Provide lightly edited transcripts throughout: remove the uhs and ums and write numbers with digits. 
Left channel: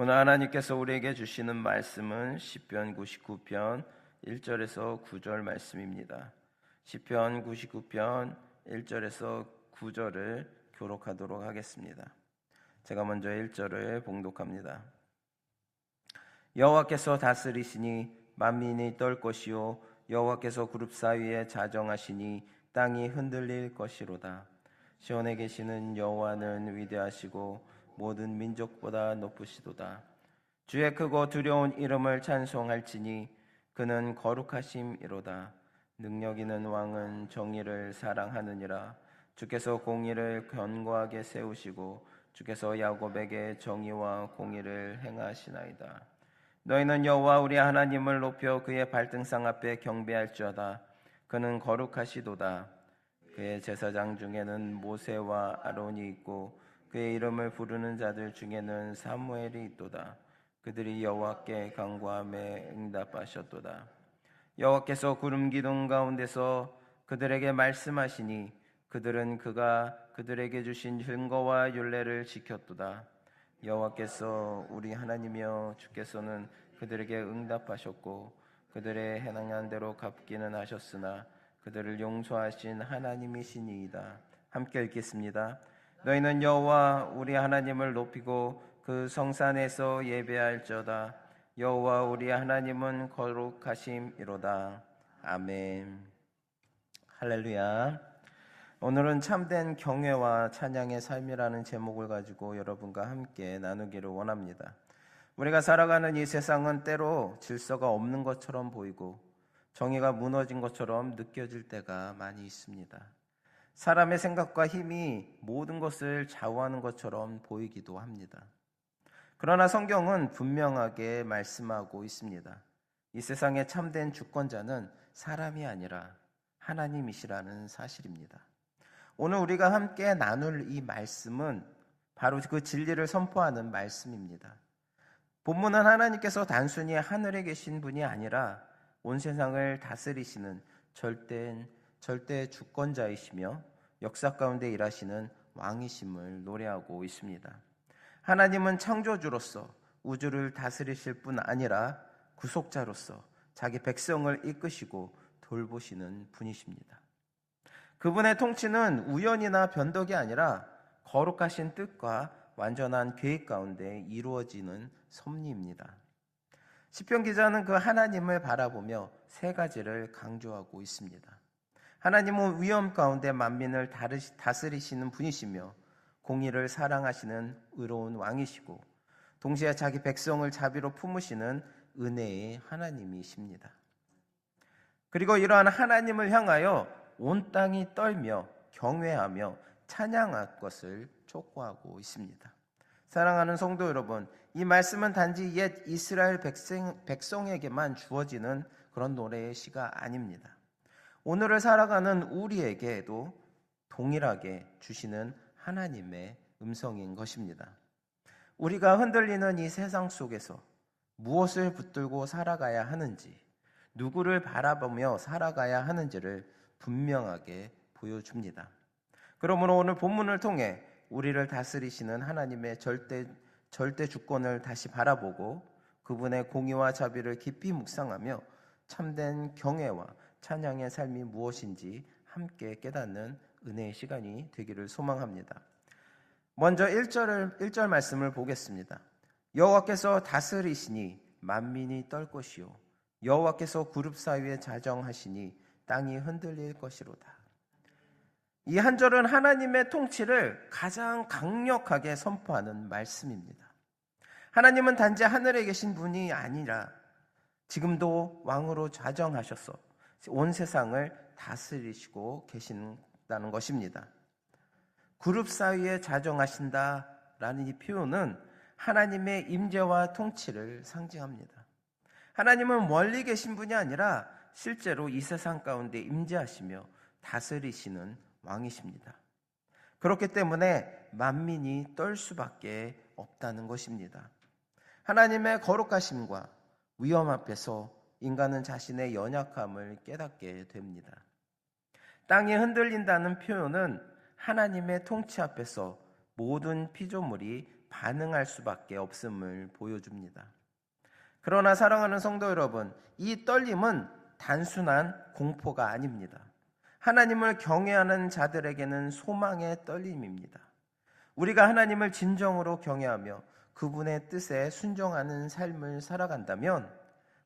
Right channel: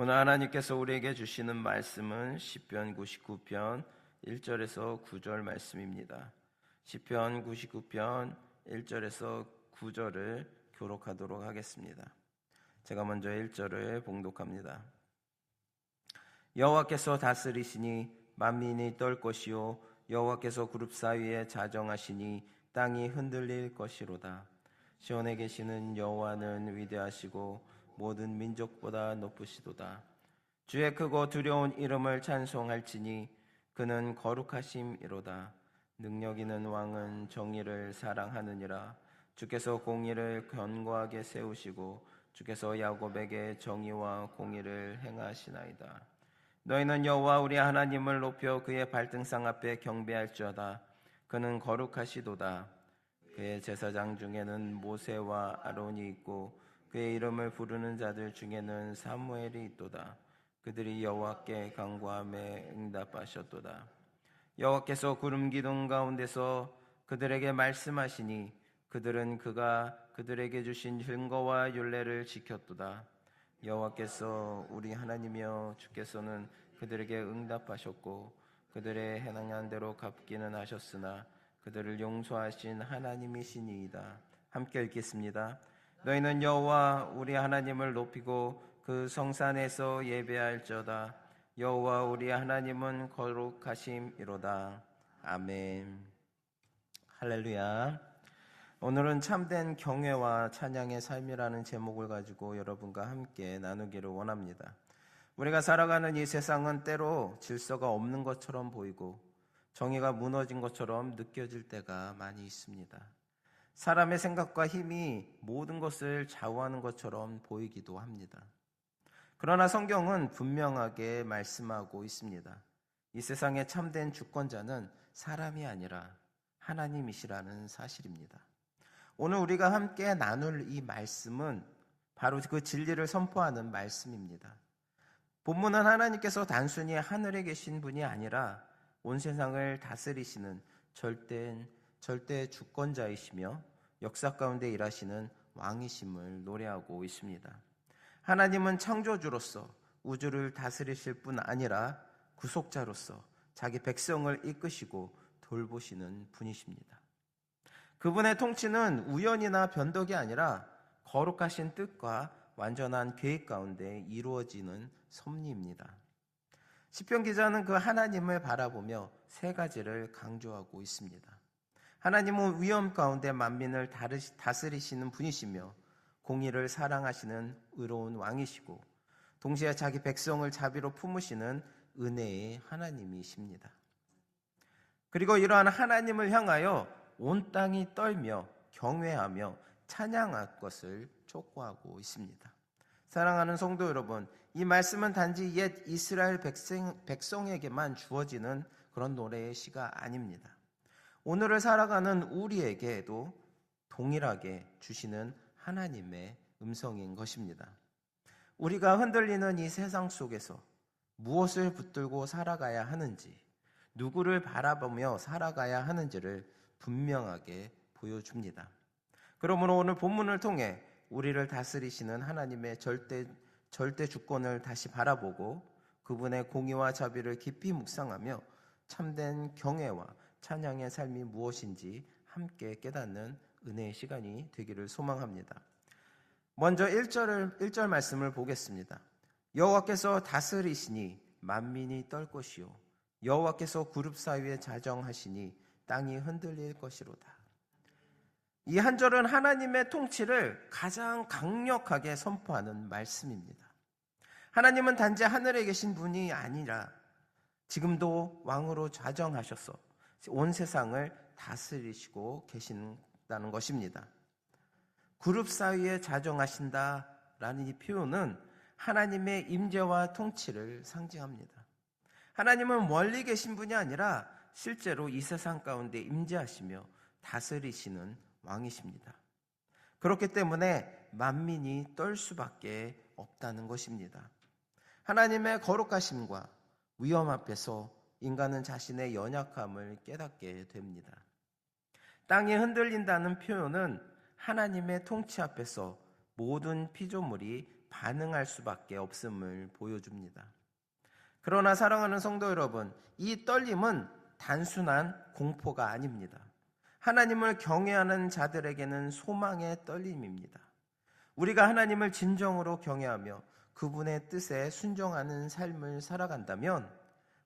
오늘 하나님께서 우리에게 주시는 말씀은 시편 99편 1절에서 9절 말씀입니다. 시편 99편 1절에서 9절을 교록하도록 하겠습니다. 제가 먼저 1절을 봉독합니다. 여호와께서 다스리시니 만민이 떨 것이요 여호와께서 그룹 사이에 자정하시니 땅이 흔들릴 것이로다. 시온에 계시는 여호와는 위대하시고 모든 민족보다 높으시도다. 주의 크고 두려운 이름을 찬송할지니 그는 거룩하심이로다. 능력 있는 왕은 정의를 사랑하느니라. 주께서 공의를 견고하게 세우시고 주께서 야곱에게 정의와 공의를 행하시나이다. 너희는 여호와 우리 하나님을 높여 그의 발등상 앞에 경배할지어다. 그는 거룩하시도다. 그의 제사장 중에는 모세와 아론이 있고 그의 이름을 부르는 자들 중에는 사무엘이 있도다. 그들이 여호와께 간구하며 응답하셨도다. 여호와께서 구름 기둥 가운데서 그들에게 말씀하시니 그들은 그가 그들에게 주신 증거와 율례를 지켰도다. 여호와께서 우리 하나님이여 주께서는 그들에게 응답하셨고 그들의 행한 대로 갚기는 하셨으나 그들을 용서하신 하나님이시니이다. 함께 읽겠습니다. 너희는 여호와 우리 하나님을 높이고 그 성산에서 예배할지어다. 여호와 우리 하나님은 거룩하심이로다. 아멘. 할렐루야. 오늘은 참된 경외와 찬양의 삶이라는 제목을 가지고 여러분과 함께 나누기를 원합니다. 우리가 살아가는 이 세상은 때로 질서가 없는 것처럼 보이고 정의가 무너진 것처럼 느껴질 때가 많이 있습니다. 사람의 생각과 힘이 모든 것을 좌우하는 것처럼 보이기도 합니다. 그러나 성경은 분명하게 말씀하고 있습니다. 이 세상의 참된 주권자는 사람이 아니라 하나님이시라는 사실입니다. 오늘 우리가 함께 나눌 이 말씀은 바로 그 진리를 선포하는 말씀입니다. 본문은 하나님께서 단순히 하늘에 계신 분이 아니라 온 세상을 다스리시는 절대 주권자이시며 역사 가운데 일하시는 왕이심을 노래하고 있습니다. 하나님은 창조주로서 우주를 다스리실 뿐 아니라 구속자로서 자기 백성을 이끄시고 돌보시는 분이십니다. 그분의 통치는 우연이나 변덕이 아니라 거룩하신 뜻과 완전한 계획 가운데 이루어지는 섭리입니다. 시편 기자는 그 하나님을 바라보며 세 가지를 강조하고 있습니다. 하나님은 위험 가운데 만민을 다스리시는 분이시며 공의를 사랑하시는 의로운 왕이시고 동시에 자기 백성을 자비로 품으시는 은혜의 하나님이십니다. 그리고 이러한 하나님을 향하여 온 땅이 떨며 경외하며 찬양할 것을 촉구하고 있습니다. 사랑하는 성도 여러분, 이 말씀은 단지 옛 이스라엘 백성에게만 주어지는 그런 노래의 시가 아닙니다. 오늘을 살아가는 우리에게도 동일하게 주시는 하나님의 음성인 것입니다. 우리가 흔들리는 이 세상 속에서 무엇을 붙들고 살아가야 하는지, 누구를 바라보며 살아가야 하는지를 분명하게 보여줍니다. 그러므로 오늘 본문을 통해 우리를 다스리시는 하나님의 절대 주권을 다시 바라보고 그분의 공의와 자비를 깊이 묵상하며 참된 경외와 찬양의 삶이 무엇인지 함께 깨닫는 은혜의 시간이 되기를 소망합니다. 먼저 1절 말씀을 보겠습니다. 여호와께서 다스리시니 만민이 떨 것이요 여호와께서 그룹 사이에 자정하시니 땅이 흔들릴 것이로다. 이 한 절은 하나님의 통치를 가장 강력하게 선포하는 말씀입니다. 하나님은 단지 하늘에 계신 분이 아니라 지금도 왕으로 자정하셔서 온 세상을 다스리시고 계신다는 것입니다. 그룹 사이에 자정하신다라는 이 표현은 하나님의 임재와 통치를 상징합니다. 하나님은 멀리 계신 분이 아니라 실제로 이 세상 가운데 임재하시며 다스리시는 왕이십니다. 그렇기 때문에 만민이 떨 수밖에 없다는 것입니다. 하나님의 거룩하심과 위험 앞에서 인간은 자신의 연약함을 깨닫게 됩니다. 땅이 흔들린다는 표현은 하나님의 통치 앞에서 모든 피조물이 반응할 수밖에 없음을 보여줍니다. 그러나 사랑하는 성도 여러분, 이 떨림은 단순한 공포가 아닙니다. 하나님을 경외하는 자들에게는 소망의 떨림입니다. 우리가 하나님을 진정으로 경외하며 그분의 뜻에 순종하는 삶을 살아간다면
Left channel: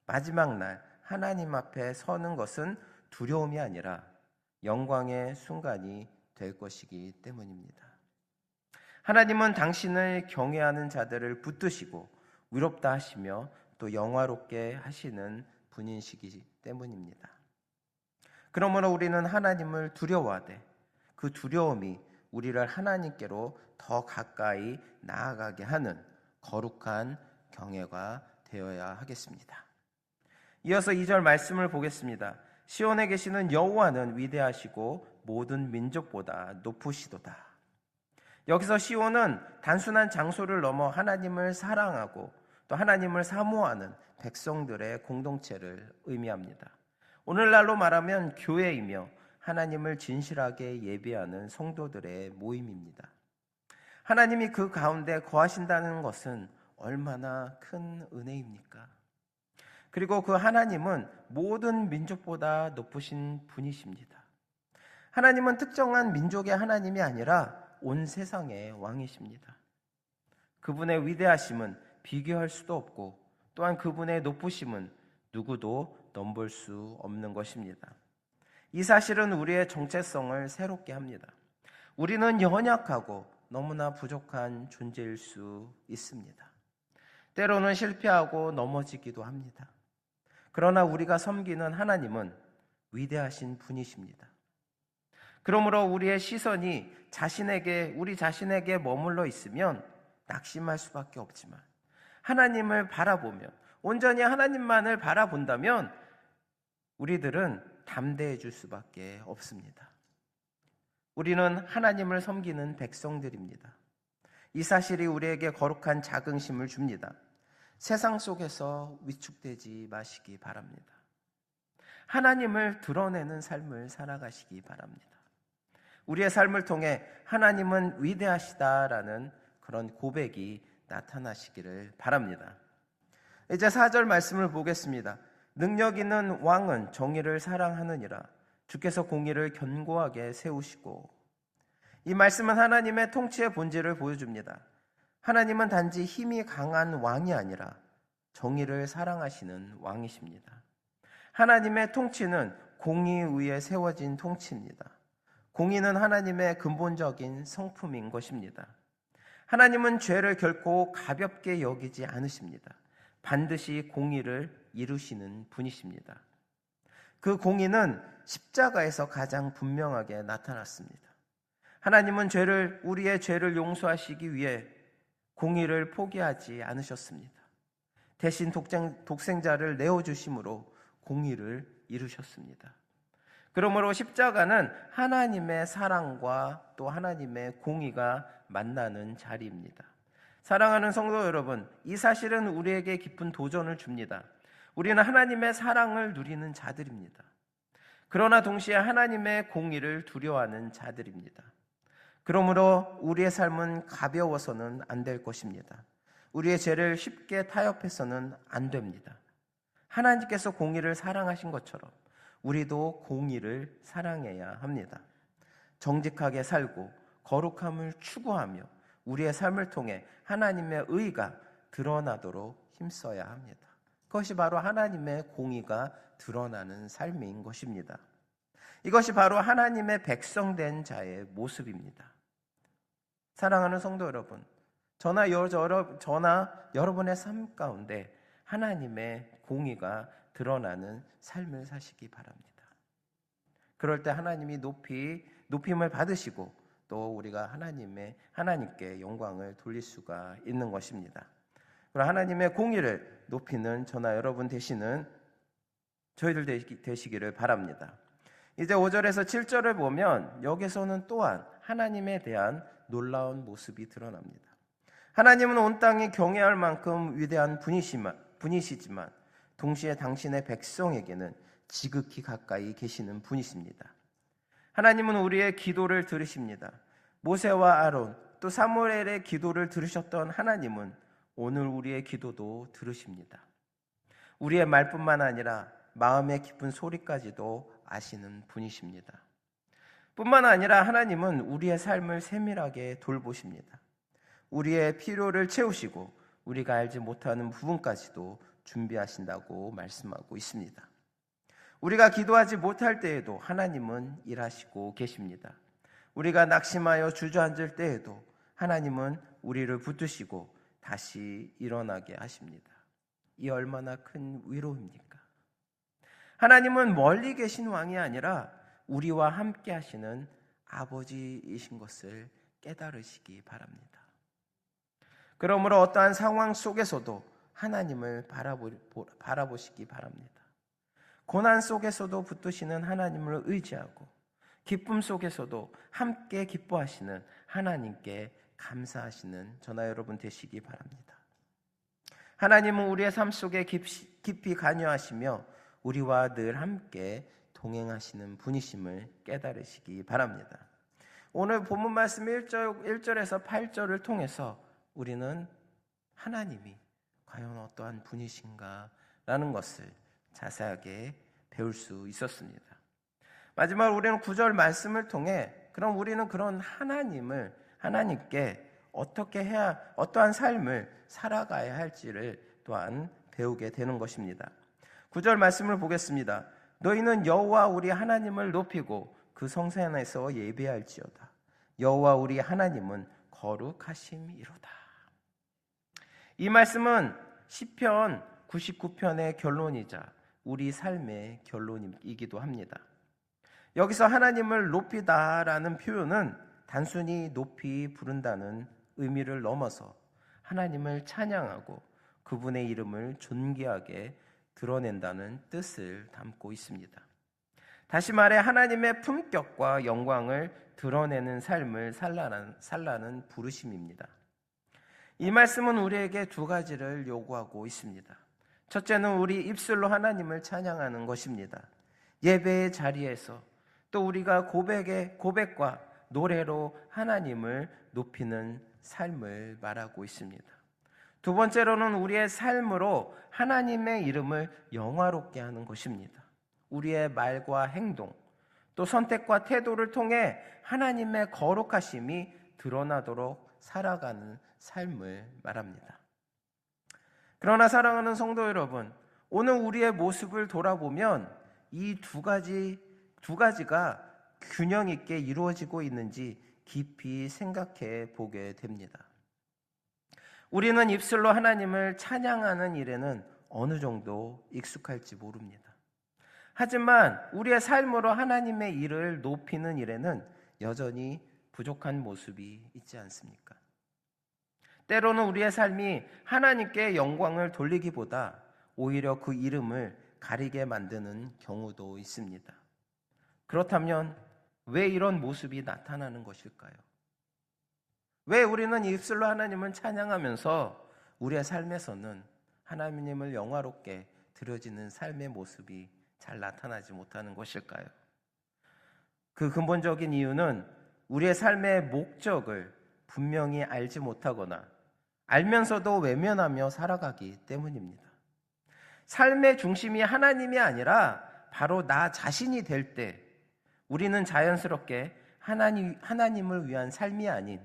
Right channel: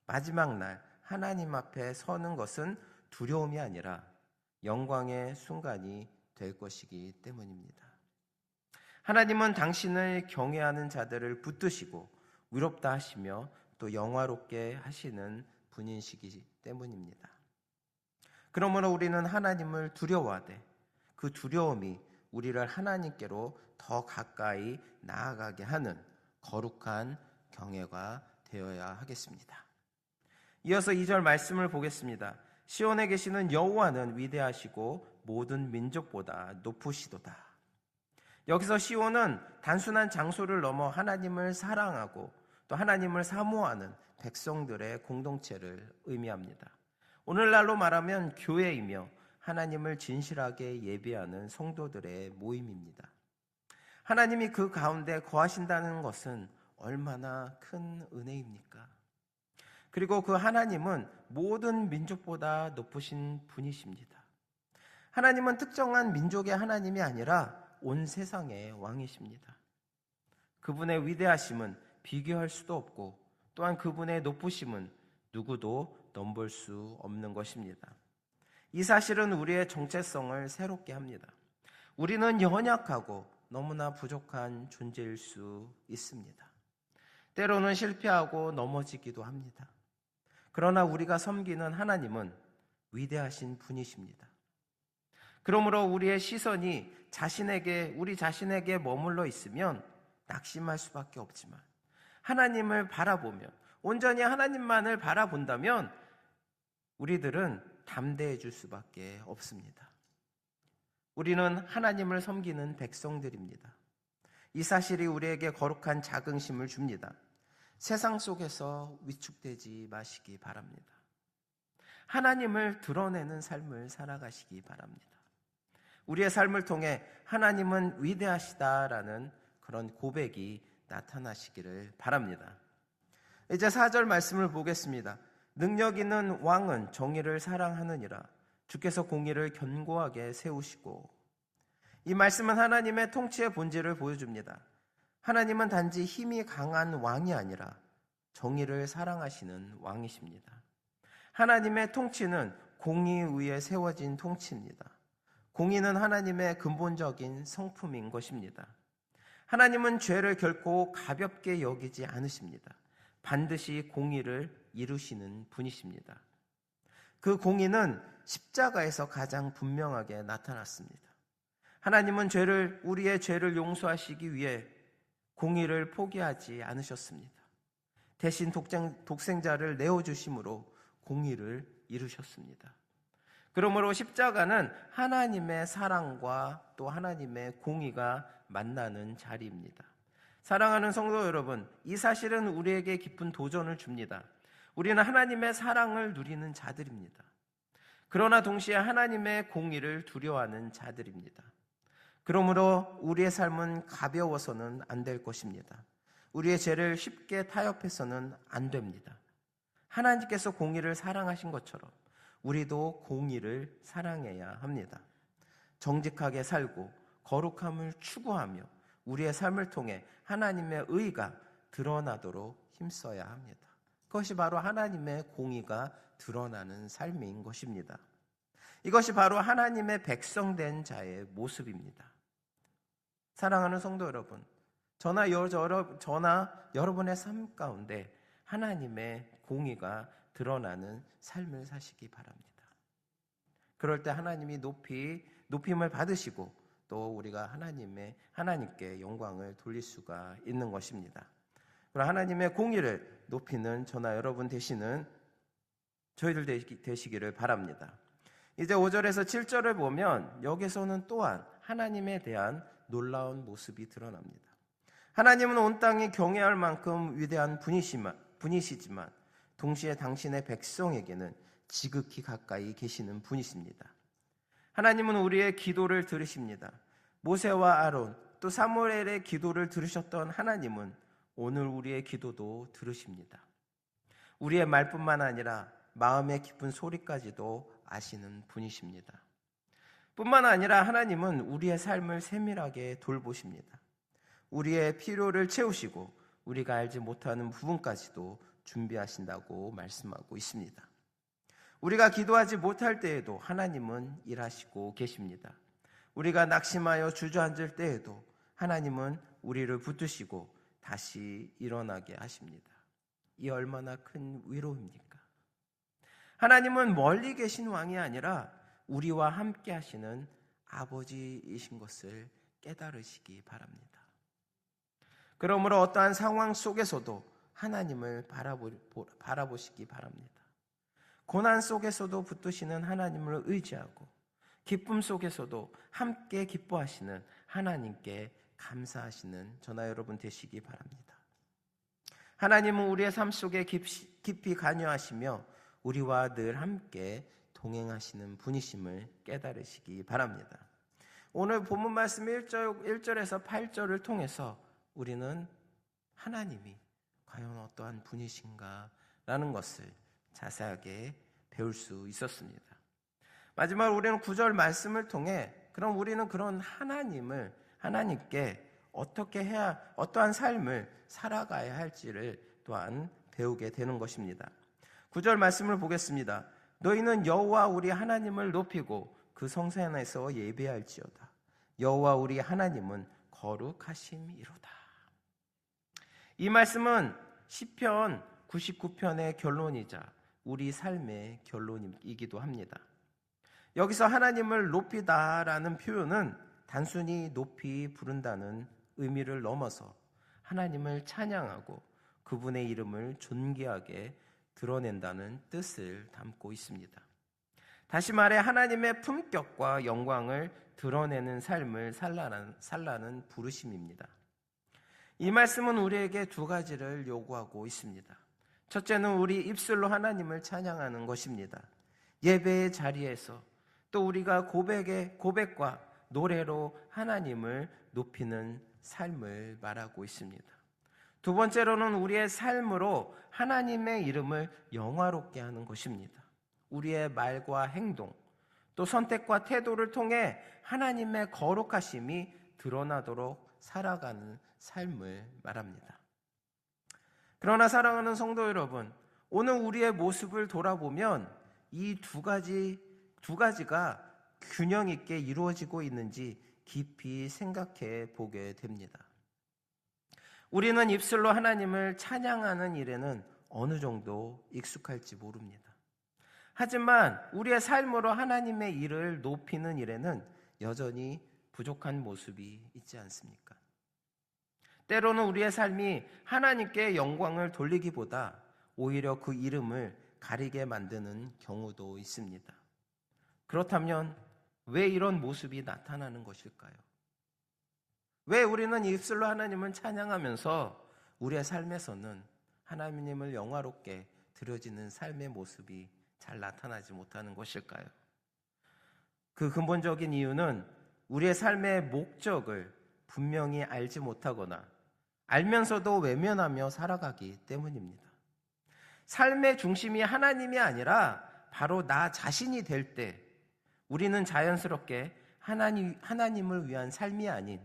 마지막 날 하나님 앞에 서는 것은 두려움이 아니라 영광의 순간이 될 것이기 때문입니다. 하나님은 당신을 경외하는 자들을 붙드시고 위롭다 하시며 또 영화롭게 하시는 분이시기 때문입니다. 그러므로 우리는 하나님을 두려워하되 그 두려움이 우리를 하나님께로 더 가까이 나아가게 하는 거룩한 경외가 되어야 하겠습니다. 이어서 2절 말씀을 보겠습니다. 시온에 계시는 여호와는 위대하시고 모든 민족보다 높으시도다. 여기서 시온은 단순한 장소를 넘어 하나님을 사랑하고 또 하나님을 사모하는 백성들의 공동체를 의미합니다. 오늘날로 말하면 교회이며 하나님을 진실하게 예배하는 성도들의 모임입니다. 하나님이 그 가운데 거하신다는 것은 얼마나 큰 은혜입니까? 그리고 그 하나님은 모든 민족보다 높으신 분이십니다. 하나님은 특정한 민족의 하나님이 아니라 온 세상의 왕이십니다. 그분의 위대하심은 비교할 수도 없고 또한 그분의 높으심은 누구도 넘볼 수 없는 것입니다. 이 사실은 우리의 정체성을 새롭게 합니다. 우리는 연약하고 너무나 부족한 존재일 수 있습니다. 때로는 실패하고 넘어지기도 합니다. 그러나 우리가 섬기는 하나님은 위대하신 분이십니다. 그러므로 우리의 시선이 우리 자신에게 머물러 있으면 낙심할 수밖에 없지만 하나님을 바라보며 온전히 하나님만을 바라본다면 우리들은 담대해질 수밖에 없습니다. 우리는 하나님을 섬기는 백성들입니다. 이 사실이 우리에게 거룩한 자긍심을 줍니다. 세상 속에서 위축되지 마시기 바랍니다. 하나님을 드러내는 삶을 살아가시기 바랍니다. 우리의 삶을 통해 하나님은 위대하시다라는 그런 고백이 나타나시기를 바랍니다. 이제 4절 말씀을 보겠습니다. 능력 있는 왕은 정의를 사랑하느니라. 주께서 공의를 견고하게 세우시고. 이 말씀은 하나님의 통치의 본질을 보여줍니다. 하나님은 단지 힘이 강한 왕이 아니라 정의를 사랑하시는 왕이십니다. 하나님의 통치는 공의 위에 세워진 통치입니다. 공의는 하나님의 근본적인 성품인 것입니다. 하나님은 죄를 결코 가볍게 여기지 않으십니다. 반드시 공의를 이루시는 분이십니다. 그 공의는 십자가에서 가장 분명하게 나타났습니다. 하나님은 우리의 죄를 용서하시기 위해 공의를 포기하지 않으셨습니다. 대신 독생자를 내어주심으로 공의를 이루셨습니다. 그러므로 십자가는 하나님의 사랑과 또 하나님의 공의가 만나는 자리입니다. 사랑하는 성도 여러분, 이 사실은 우리에게 깊은 도전을 줍니다. 우리는 하나님의 사랑을 누리는 자들입니다. 그러나 동시에 하나님의 공의를 두려워하는 자들입니다. 그러므로 우리의 삶은 가벼워서는 안 될 것입니다. 우리의 죄를 쉽게 타협해서는 안 됩니다. 하나님께서 공의를 사랑하신 것처럼 우리도 공의를 사랑해야 합니다. 정직하게 살고 거룩함을 추구하며 우리의 삶을 통해 하나님의 의가 드러나도록 힘써야 합니다. 그것이 바로 하나님의 공의가 드러나는 삶인 것입니다. 이것이 바로 하나님의 백성된 자의 모습입니다. 사랑하는 성도 여러분, 저나 여러분의 삶 가운데 하나님의 공의가 드러나는 삶을 사시기 바랍니다. 그럴 때 하나님이 높임을 받으시고 또 우리가 하나님께 영광을 돌릴 수가 있는 것입니다. 그리고 하나님의 공의를 높이는 저나 여러분 되시는 저희들 되시기를 바랍니다. 이제 5절에서 7절을 보면 여기서는 또한 하나님에 대한 놀라운 모습이 드러납니다. 하나님은 온 땅이 경외할 만큼 위대한 분이시지만 동시에 당신의 백성에게는 지극히 가까이 계시는 분이십니다. 하나님은 우리의 기도를 들으십니다. 모세와 아론 또 사무엘의 기도를 들으셨던 하나님은 오늘 우리의 기도도 들으십니다. 우리의 말뿐만 아니라 마음의 깊은 소리까지도 아시는 분이십니다. 뿐만 아니라 하나님은 우리의 삶을 세밀하게 돌보십니다. 우리의 필요를 채우시고 우리가 알지 못하는 부분까지도 준비하신다고 말씀하고 있습니다. 우리가 기도하지 못할 때에도 하나님은 일하시고 계십니다. 우리가 낙심하여 주저앉을 때에도 하나님은 우리를 붙드시고 다시 일어나게 하십니다. 이 얼마나 큰 위로입니까? 하나님은 멀리 계신 왕이 아니라 우리와 함께 하시는 아버지이신 것을 깨달으시기 바랍니다. 그러므로 어떠한 상황 속에서도 하나님을 바라보시기 바랍니다. 고난 속에서도 붙드시는 하나님을 의지하고 기쁨 속에서도 함께 기뻐하시는 하나님께 감사하시는 저나 여러분 되시기 바랍니다. 하나님은 우리의 삶 속에 깊이 관여하시며 우리와 늘 함께 동행하시는 분이심을 깨달으시기 바랍니다. 오늘 본문 말씀 1절에서 8절을 통해서 우리는 하나님이 과연 어떠한 분이신가 라는 것을 자세하게 배울 수 있었습니다. 마지막으로 우리는 9절 말씀을 통해 그럼 우리는 그런 하나님께 어떻게 해야 어떠한 삶을 살아가야 할지를 또한 배우게 되는 것입니다. 9절 말씀을 보겠습니다. 너희는 여호와 우리 하나님을 높이고 그 성산에서 예배할지어다. 여호와 우리 하나님은 거룩하심이로다. 이 말씀은 시편 99편의 결론이자 우리 삶의 결론이기도 합니다. 여기서 하나님을 높이다라는 표현은 단순히 높이 부른다는 의미를 넘어서 하나님을 찬양하고 그분의 이름을 존귀하게 드러낸다는 뜻을 담고 있습니다. 다시 말해 하나님의 품격과 영광을 드러내는 삶을 살라는 부르심입니다. 이 말씀은 우리에게 두 가지를 요구하고 있습니다. 첫째는 우리 입술로 하나님을 찬양하는 것입니다. 예배의 자리에서 또 우리가 고백과 노래로 하나님을 높이는 삶을 말하고 있습니다. 두 번째로는 우리의 삶으로 하나님의 이름을 영화롭게 하는 것입니다. 우리의 말과 행동, 또 선택과 태도를 통해 하나님의 거룩하심이 드러나도록 살아가는 삶을 말합니다. 그러나 사랑하는 성도 여러분, 오늘 우리의 모습을 돌아보면 이 두 가지가 균형 있게 이루어지고 있는지 깊이 생각해 보게 됩니다. 우리는 입술로 하나님을 찬양하는 일에는 어느 정도 익숙할지 모릅니다. 하지만 우리의 삶으로 하나님의 일을 높이는 일에는 여전히 부족한 모습이 있지 않습니까? 때로는 우리의 삶이 하나님께 영광을 돌리기보다 오히려 그 이름을 가리게 만드는 경우도 있습니다. 그렇다면 왜 이런 모습이 나타나는 것일까요? 왜 우리는 입술로 하나님을 찬양하면서 우리의 삶에서는 하나님을 영화롭게 드려지는 삶의 모습이 잘 나타나지 못하는 것일까요? 그 근본적인 이유는 우리의 삶의 목적을 분명히 알지 못하거나 알면서도 외면하며 살아가기 때문입니다. 삶의 중심이 하나님이 아니라 바로 나 자신이 될 때 우리는 자연스럽게 하나님을 위한 삶이 아닌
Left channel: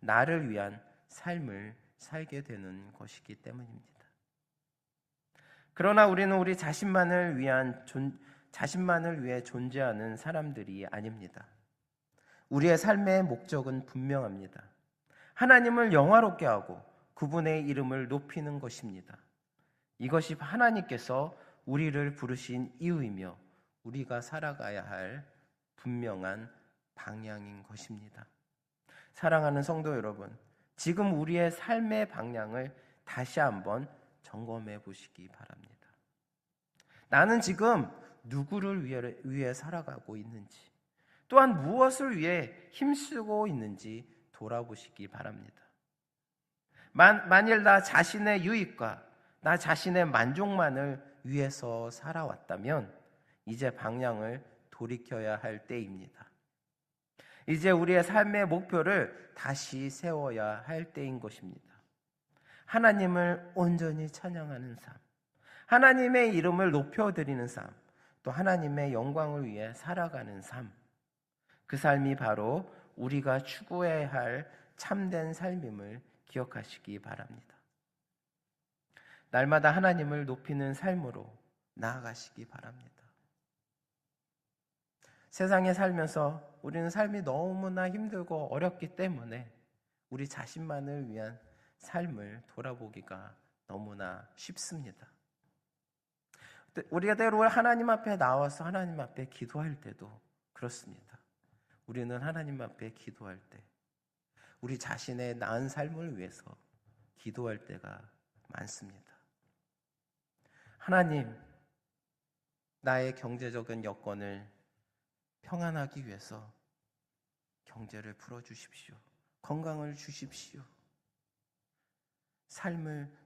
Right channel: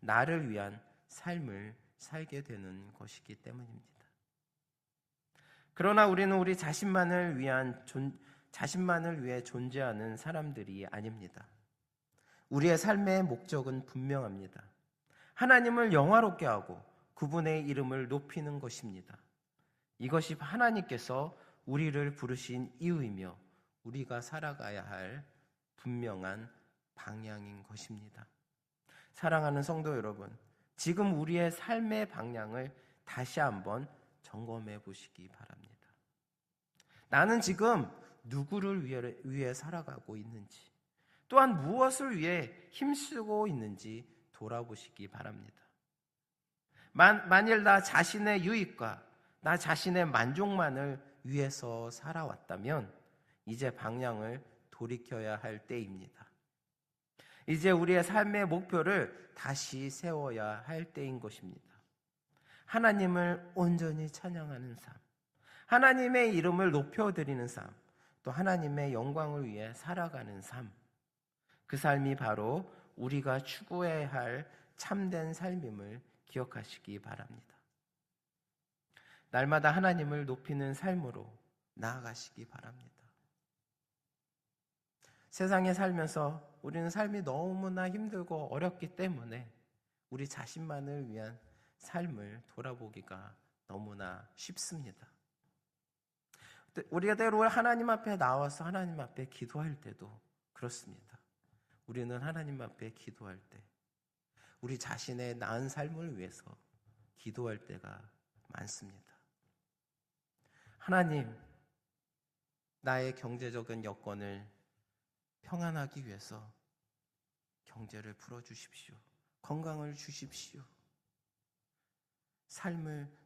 나를 위한 삶을 살게 되는 것이기 때문입니다. 그러나 우리는 우리 자신만을 위해 존재하는 사람들이 아닙니다. 우리의 삶의 목적은 분명합니다. 하나님을 영화롭게 하고 그분의 이름을 높이는 것입니다. 이것이 하나님께서 우리를 부르신 이유이며 우리가 살아가야 할 분명한 방향인 것입니다. 사랑하는 성도 여러분, 지금 우리의 삶의 방향을 다시 한번 점검해 보시기 바랍니다. 나는 지금 누구를 위해 살아가고 있는지, 또한 무엇을 위해 힘쓰고 있는지 돌아보시기 바랍니다. 만일 나 자신의 유익과 나 자신의 만족만을 위해서 살아왔다면 이제 방향을 돌이켜야 할 때입니다. 이제 우리의 삶의 목표를 다시 세워야 할 때인 것입니다. 하나님을 온전히 찬양하는 삶, 하나님의 이름을 높여드리는 삶, 또 하나님의 영광을 위해 살아가는 삶, 그 삶이 바로 우리가 추구해야 할 참된 삶임을 기억하시기 바랍니다. 날마다 하나님을 높이는 삶으로 나아가시기 바랍니다. 세상에 살면서 우리는 삶이 너무나 힘들고 어렵기 때문에 우리 자신만을 위한 삶을 돌아보기가 너무나 쉽습니다. 우리가 때로 하나님 앞에 나와서 하나님 앞에 기도할 때도 그렇습니다. 우리는 하나님 앞에 기도할 때 우리 자신의 나은 삶을 위해서 기도할 때가 많습니다. 하나님, 나의 경제적인 여건을 평안하기 위해서 경제를 풀어주십시오. 건강을 주십시오.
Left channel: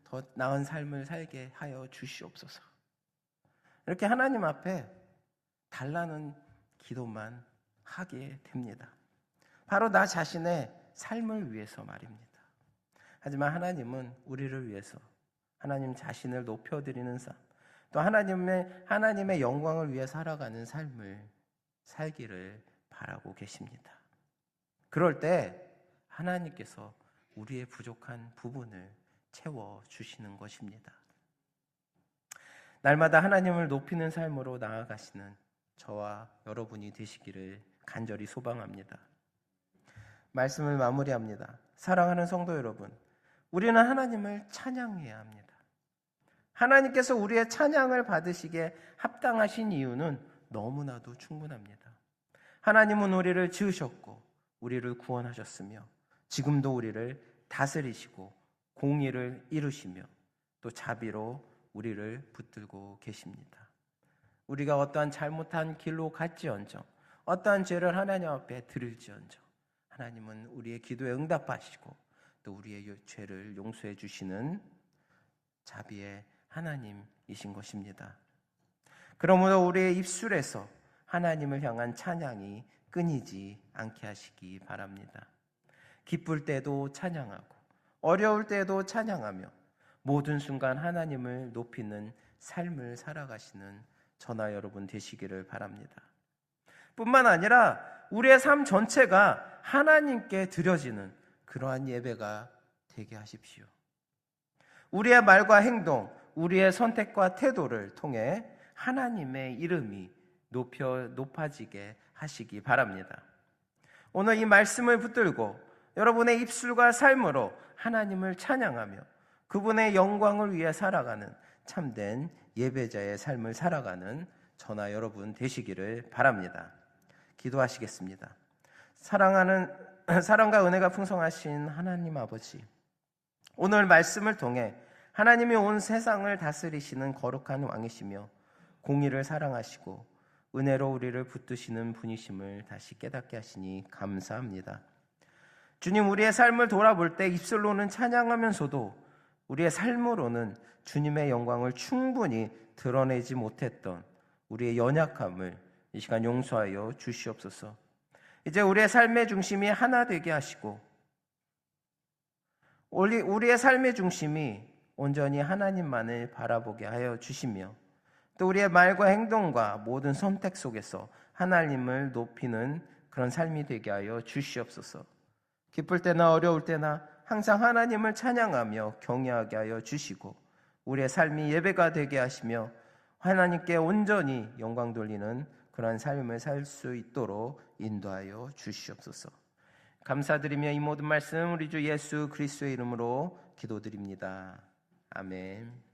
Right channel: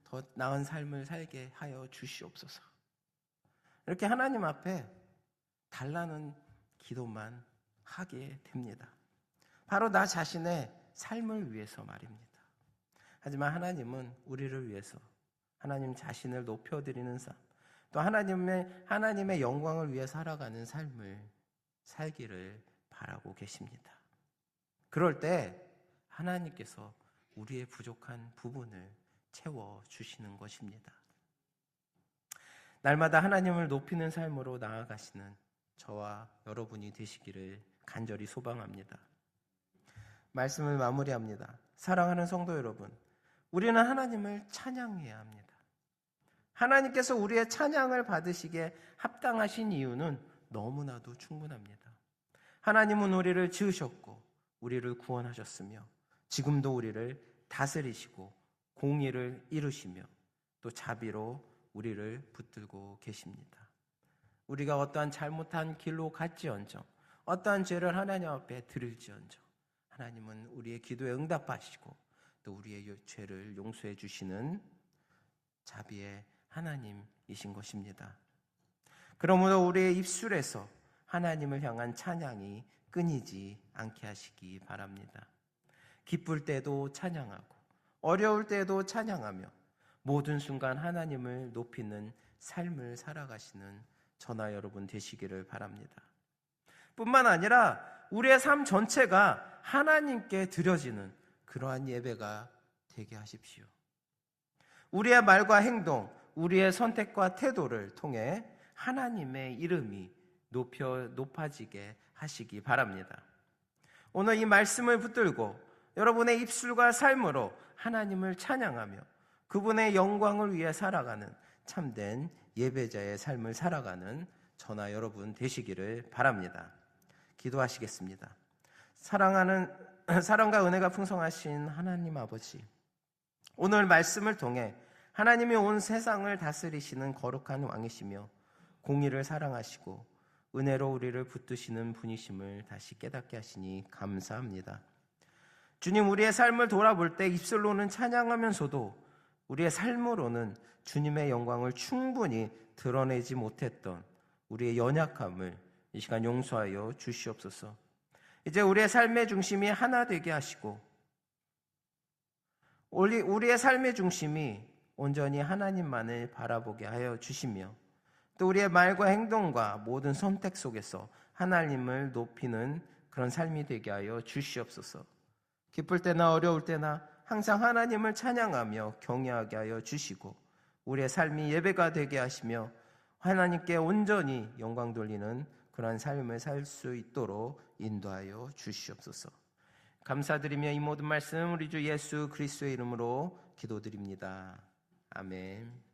더 나은 삶을 살게 하여 주시옵소서. 이렇게 하나님 앞에 달라는 기도만 하게 됩니다. 바로 나 자신의 삶을 위해서 말입니다. 하지만 하나님은 우리를 위해서 하나님 자신을 높여드리는 삶, 또 하나님의 영광을 위해 살아가는 삶을 살기를 바라고 계십니다. 그럴 때 하나님께서 우리의 부족한 부분을 채워주시는 것입니다. 날마다 하나님을 높이는 삶으로 나아가시는 저와 여러분이 되시기를 간절히 소망합니다. 말씀을 마무리합니다. 사랑하는 성도 여러분, 우리는 하나님을 찬양해야 합니다. 하나님께서 우리의 찬양을 받으시기에 합당하신 이유는 너무나도 충분합니다. 하나님은 우리를 지으셨고 우리를 구원하셨으며 지금도 우리를 다스리시고 공의를 이루시며 또 자비로 우리를 붙들고 계십니다. 우리가 어떠한 잘못한 길로 갈지언정, 어떠한 죄를 하나님 앞에 드릴지언정 하나님은 우리의 기도에 응답하시고 또 우리의 죄를 용서해 주시는 자비의 하나님이신 것입니다. 그러므로 우리의 입술에서 하나님을 향한 찬양이 끊이지 않게 하시기 바랍니다. 기쁠 때도 찬양하고 어려울 때도 찬양하며 모든 순간 하나님을 높이는 삶을 살아가시는 저나 여러분 되시기를 바랍니다. 뿐만 아니라 우리의 삶 전체가 하나님께 드려지는 그러한 예배가 되게 하십시오. 우리의 말과 행동, 우리의 선택과 태도를 통해 하나님의 이름이 높아지게 하시기 바랍니다. 오늘 이 말씀을 붙들고 여러분의 입술과 삶으로 하나님을 찬양하며 그분의 영광을 위해 살아가는 참된 예배자의 삶을 살아가는 저나 여러분 되시기를 바랍니다. 기도하시겠습니다. 사랑과 은혜가 풍성하신 하나님 아버지, 오늘 말씀을 통해 하나님이 온 세상을 다스리시는 거룩한 왕이시며 공의를 사랑하시고 은혜로 우리를 붙드시는 분이심을 다시 깨닫게 하시니 감사합니다. 주님, 우리의 삶을 돌아볼 때 입술로는 찬양하면서도 우리의 삶으로는 주님의 영광을 충분히 드러내지 못했던 우리의 연약함을 이 시간 용서하여 주시옵소서. 이제 우리의 삶의 중심이 하나 되게 하시고 우리의 삶의 중심이 온전히 하나님만을 바라보게 하여 주시며 또 우리의 말과 행동과 모든 선택 속에서 하나님을 높이는 그런 삶이 되게 하여 주시옵소서. 기쁠 때나 어려울 때나 항상 하나님을 찬양하며 경외하게 하여 주시고 우리의 삶이 예배가 되게 하시며 하나님께 온전히 영광 돌리는 그러한 삶을 살 수 있도록 인도하여 주시옵소서. 감사드리며 이 모든 말씀 우리 주 예수 그리스도의 이름으로 기도드립니다. 아멘.